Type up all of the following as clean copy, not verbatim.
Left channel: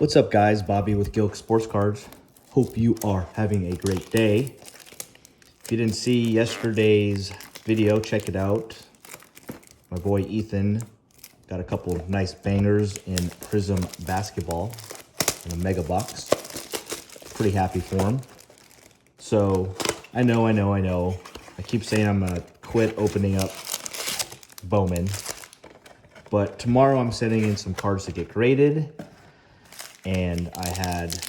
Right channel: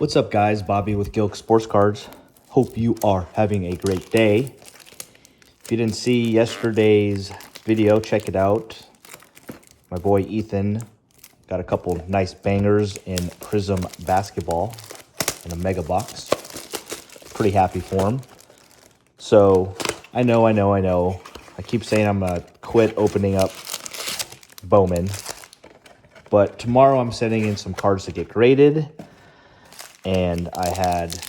What's up, guys? Bobby with Gilk Sports Cards. Hope you are having a great day. If you didn't see yesterday's video, check it out. My boy Ethan got a couple nice bangers in Prism basketball in a mega box. Pretty happy for him. So I know. I keep saying I'm gonna quit opening up Bowman, but tomorrow I'm sending in some cards to get graded. And I had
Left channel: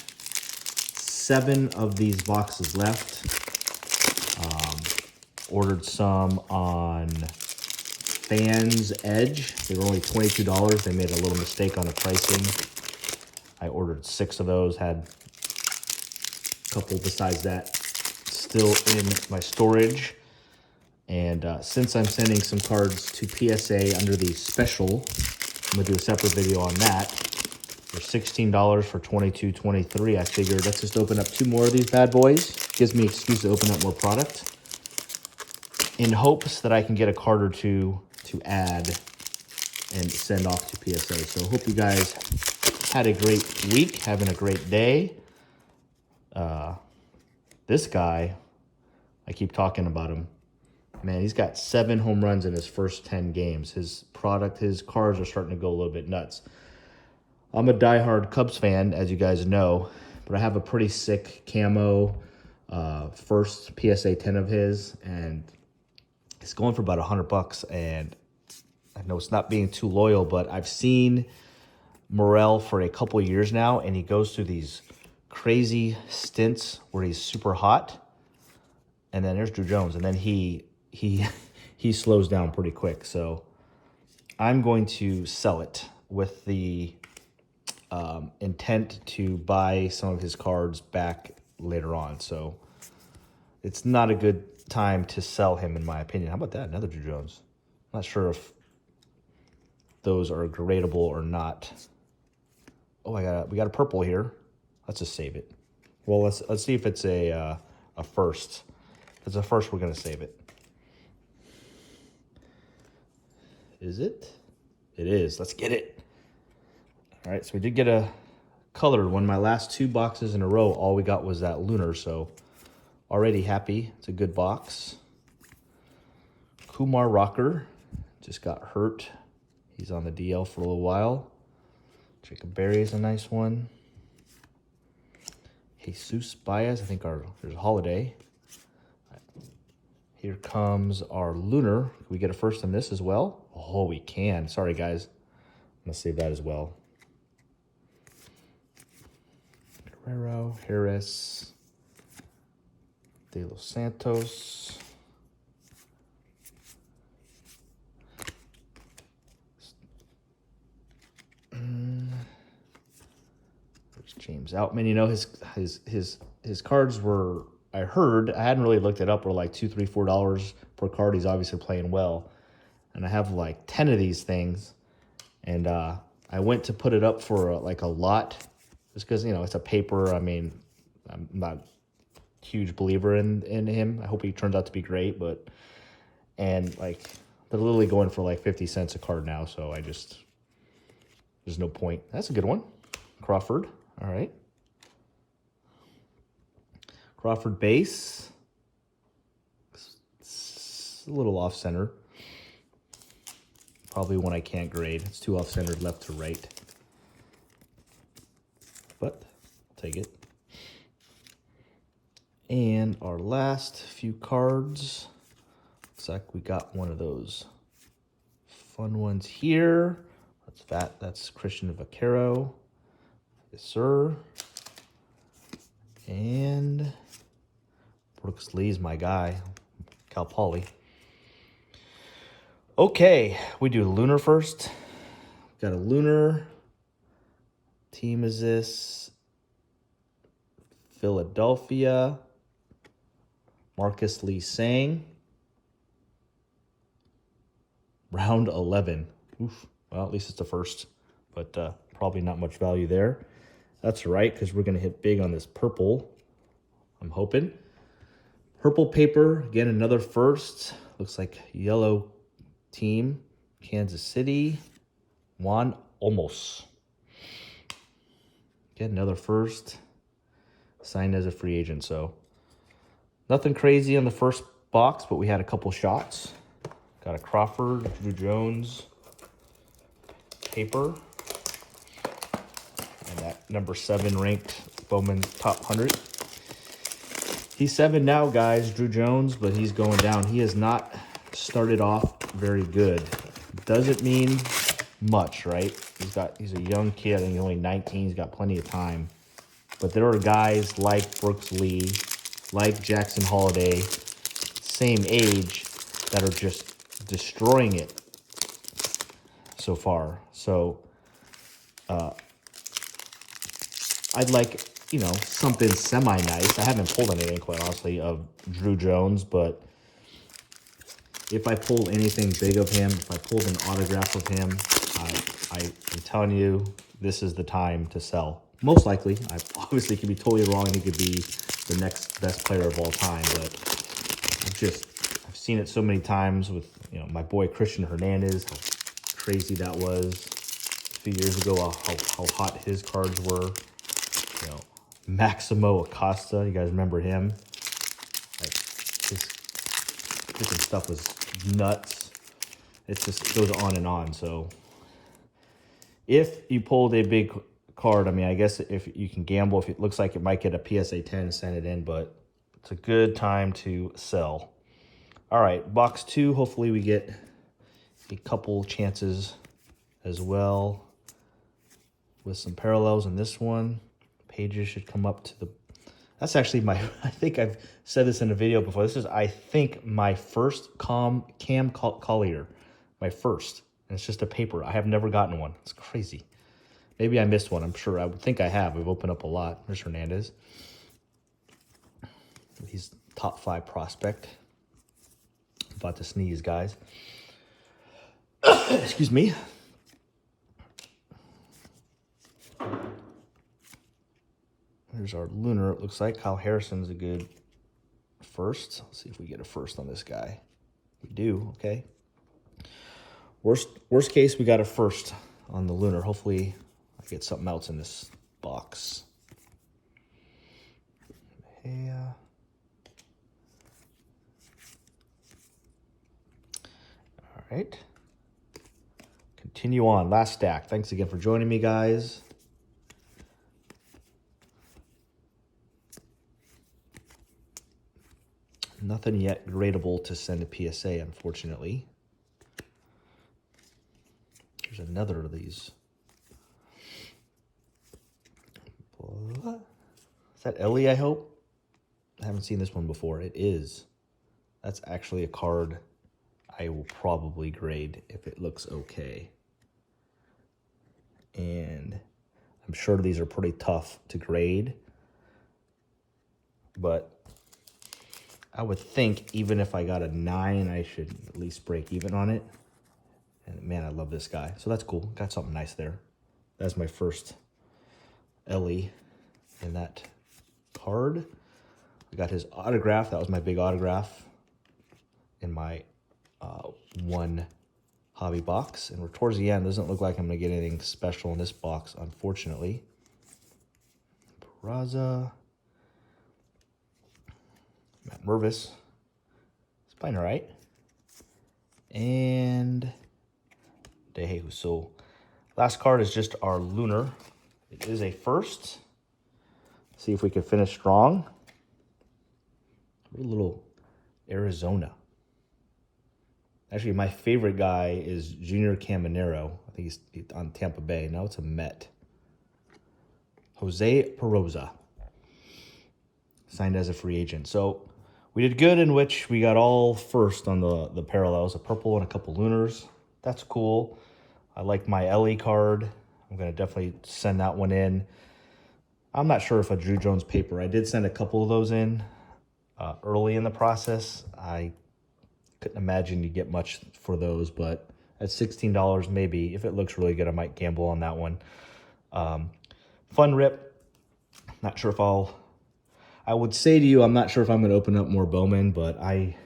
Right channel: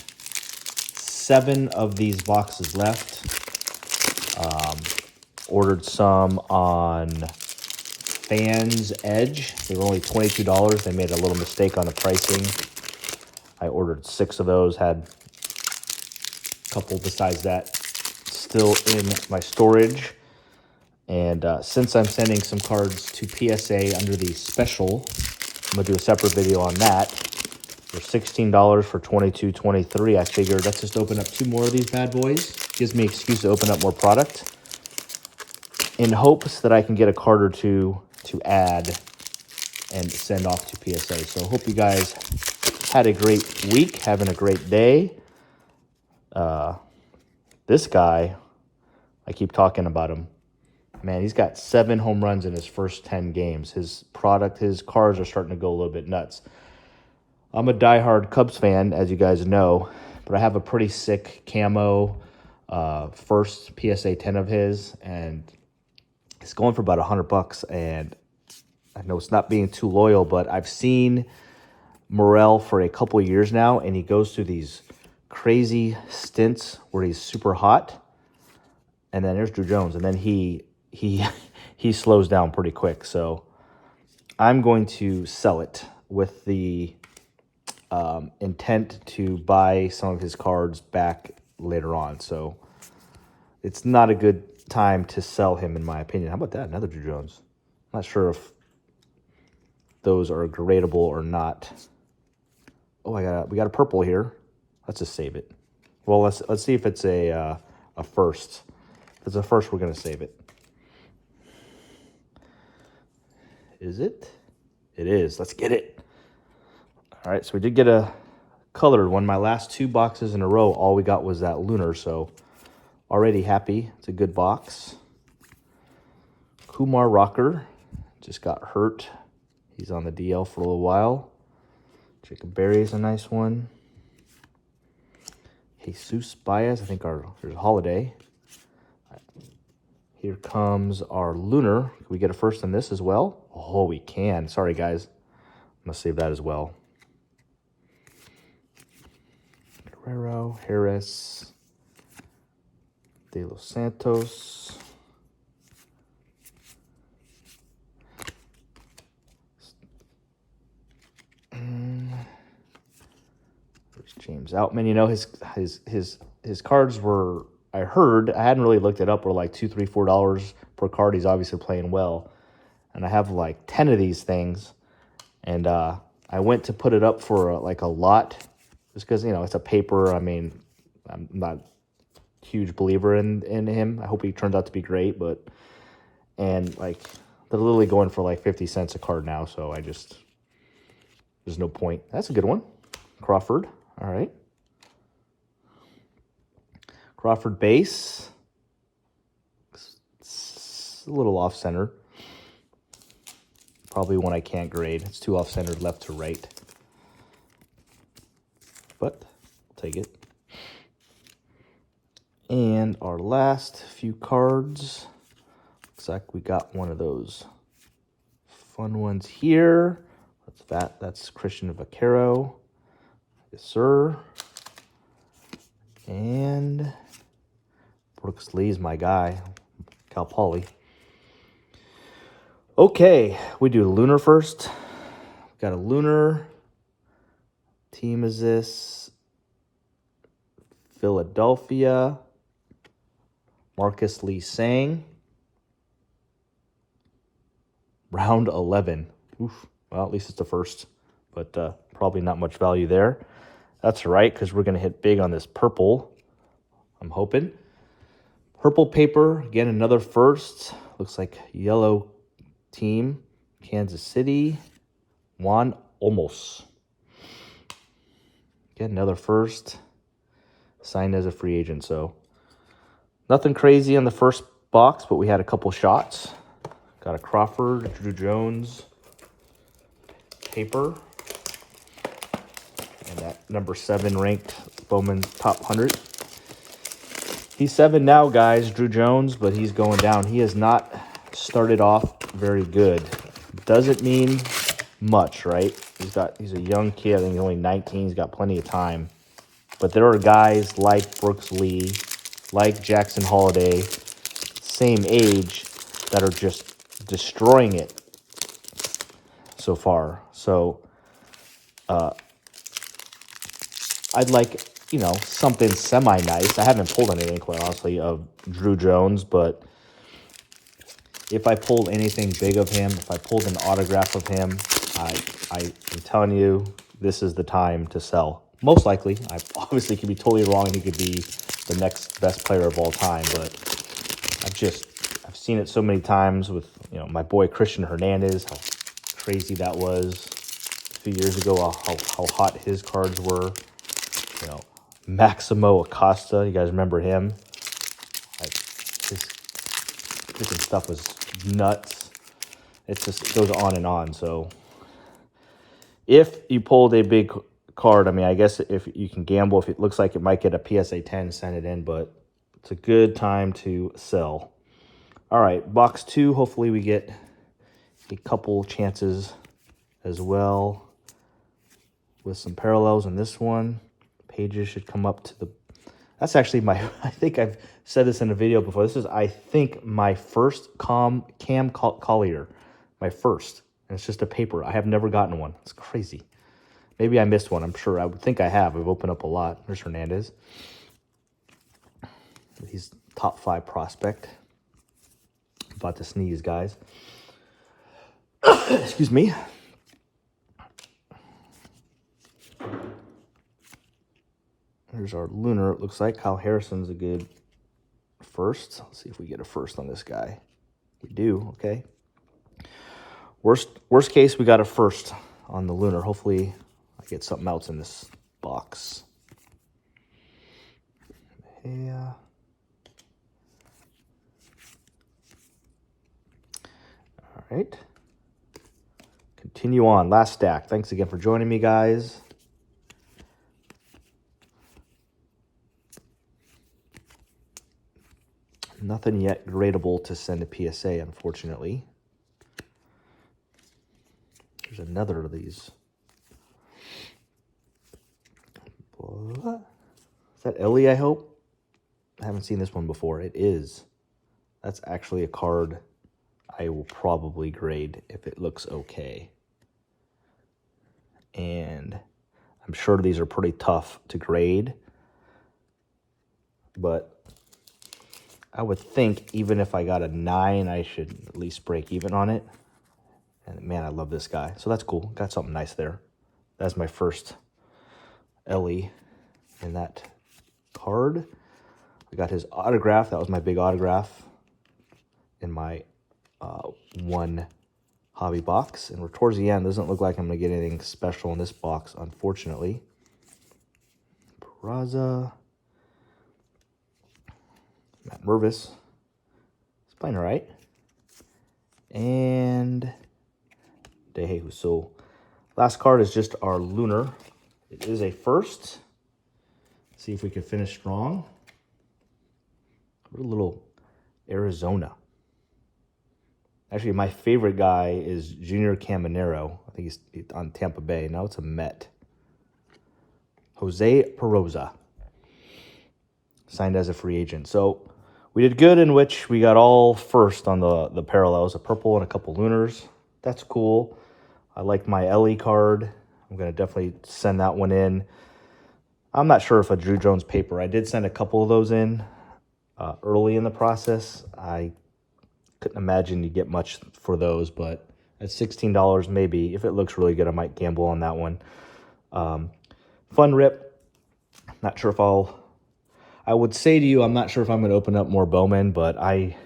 7 of these boxes left. Ordered some on Fans Edge. They were only $22. They made a little mistake on the pricing. I ordered 6 of those. Had a couple besides that still in my storage. And since I'm sending some cards to PSA under the special, I'm going to do a separate video on that. For $16 for 22.23, I figured let's just open up 2 more of these bad boys. Gives me an excuse to open up more product in hopes that I can get a card or 2 to add and send off to PSA. So hope you guys had a great week, having a great day. This guy, I keep talking about him. Man, he's got 7 home runs in his first 10 games. His cards are starting to go a little bit nuts. I'm a diehard Cubs fan, as you guys know, but I have a pretty sick camo first PSA 10 of his, and it's going for about $100. And I know it's not being too loyal, but I've seen Morel for a couple of years now, and he goes through these crazy stints where he's super hot, and then there's Drew Jones, and then he slows down pretty quick. So I'm going to sell it with the intent to buy some of his cards back later on. So it's not a good time to sell him, in my opinion. How about that? Another Drew Jones. Not sure if those are gradable or not. Oh, we got a purple here. Let's just save it. Well, let's see if it's a first. If it's a first, we're gonna save it. Is it? It is. Let's get it. All right, so we did get a colored one. My last 2 boxes in a row, all we got was that Lunar, so already happy. It's a good box. Kumar Rocker just got hurt. He's on the DL for a little while. Jacob Berry's a nice one. Jesus Baez, I think there's a holiday. Here comes our Lunar. Can we get a first in this as well? Oh, we can. Sorry, guys. I'm going to save that as well. Guerrero, Harris, De Los Santos, James Outman. You know, his cards were, I hadn't really looked it up, were like $2, $3, $4 per card. He's obviously playing well, and I have like 10 of these things, and I went to put it up for like a lot. Just because, you know, it's a paper. I mean, I'm not a huge believer in him. I hope he turns out to be great, and like, they're literally going for like 50 cents a card now, so there's no point. That's a good one. Crawford, all right. Crawford base. It's a little off-center. Probably one I can't grade. It's too off-centered left to right. But I'll take it. And our last few cards, looks like we got one of those fun ones here. What's that? That's Christian Vaquero. Yes, sir. And Brooks Lee's my guy, Cal Poly. Okay, we do Lunar first. Got a Lunar. Team is this? Philadelphia. Marcus Lee Sang. Round 11. Oof. Well, at least it's the first, but probably not much value there. That's all right, because we're going to hit big on this purple, I'm hoping. Purple paper, again, another first. Looks like yellow team. Kansas City. Juan Olmos. Get another first. Signed as a free agent. So nothing crazy on the first box, but we had a couple shots. Got a Crawford, Drew Jones paper. And that number 7 ranked Bowman top 100. He's 7 now, guys, Drew Jones, but he's going down. He has not started off very good. Doesn't mean much, right? He's a young kid, and he's only 19. He's got plenty of time. But there are guys like Brooks Lee, like Jackson Holiday, same age, that are just destroying it so far. So I'd like, you know, something semi-nice. I haven't pulled anything, quite honestly, of Drew Jones, but if I pulled anything big of him, if I pulled an autograph of him, I'm telling you, this is the time to sell. Most likely, I obviously could be totally wrong. He could be the next best player of all time, but I've seen it so many times with, you know, my boy Christian Hernandez, how crazy that was a few years ago, how hot his cards were. You know, Maximo Acosta, you guys remember him? Like, his freaking stuff is nuts. It goes on and on. So if you pulled a big card, I mean, I guess if you can gamble, if it looks like it might get a PSA 10, send it in, but it's a good time to sell. All right, box 2, hopefully we get a couple chances as well with some parallels in this one. Pages should come up to the, that's actually my, I think I've said this in a video before. This is, I think, my first Cam Collier, my first. And it's just a paper. I have never gotten one. It's crazy. Maybe I missed one. I'm sure. I would think I have. I've opened up a lot. There's Hernandez. He's top 5 prospect. About to sneeze, guys. Excuse me. Here's our Lunar. It looks like Kyle Harrison's a good first. Let's see if we get a first on this guy. We do. Okay. Worst case, we got a first on the Lunar. Hopefully, I get something else in this box. Yeah. All right. Continue on. Last stack. Thanks again for joining me, guys. Nothing yet gradable to send a PSA, unfortunately. There's another of these. Is that Ellie, I hope? I haven't seen this one before. It is. That's actually a card I will probably grade if it looks okay. And I'm sure these are pretty tough to grade. But I would think even if I got a 9, I should at least break even on it. And man, I love this guy. So that's cool. Got something nice there. That's my first Ellie in that card. I got his autograph. That was my big autograph in my one hobby box. And we're towards the end. Doesn't look like I'm going to get anything special in this box, unfortunately. Peraza. Matt Mervis. It's playing all right. And DeJesus. So last card is just our Lunar. It is a first. See if we can finish strong. A little Arizona. Actually, my favorite guy is Junior Caminero. I think he's on Tampa Bay. Now it's a Met. Jose Peroza. Signed as a free agent. So we did good in which we got all first on the parallels. A purple and a couple Lunars. That's cool. I like my Ellie card. I'm going to definitely send that one in. I'm not sure if a Drew Jones paper. I did send a couple of those in early in the process. I couldn't imagine you get much for those, but at $16, maybe. If it looks really good, I might gamble on that one. Fun rip. Not sure if I would say to you, I'm not sure if I'm going to open up more Bowman, but I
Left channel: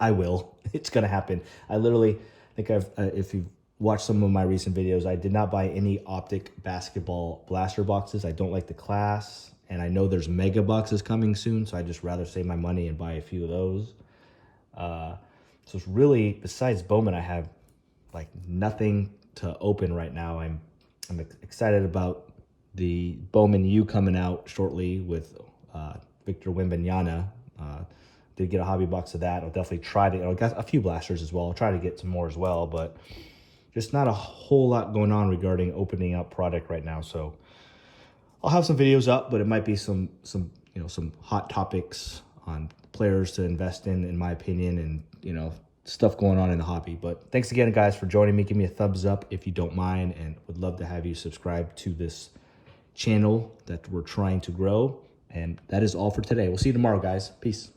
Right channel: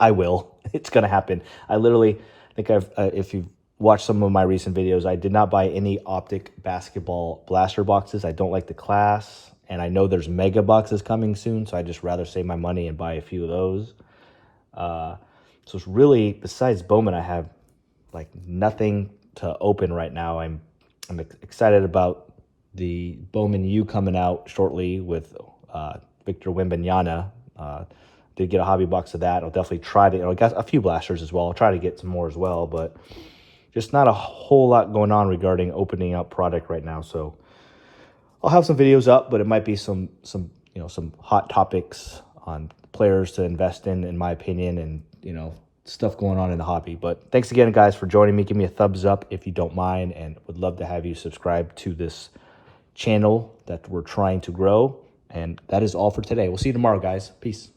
will. It's going to happen. I literally think if you've watch some of my recent videos, I did not buy any optic basketball blaster boxes. I don't like the class, and I know there's mega boxes coming soon, so I just rather save my money and buy a few of those. So it's really, besides Bowman, I have like nothing to open right now. I'm excited about the Bowman U coming out shortly with Victor Wembanyama. Did get a hobby box of that. I'll definitely try to. I got a few blasters as well. I'll try to get some more as well, but just not a whole lot going on regarding opening up product right now. So I'll have some videos up, but it might be some hot topics on players to invest in my opinion, and stuff going on in the hobby. But thanks again, guys, for joining me. Give me a thumbs up if you don't mind, and would love to have you subscribe to this channel that we're trying to grow. And that is all for today. We'll see you tomorrow, guys. Peace.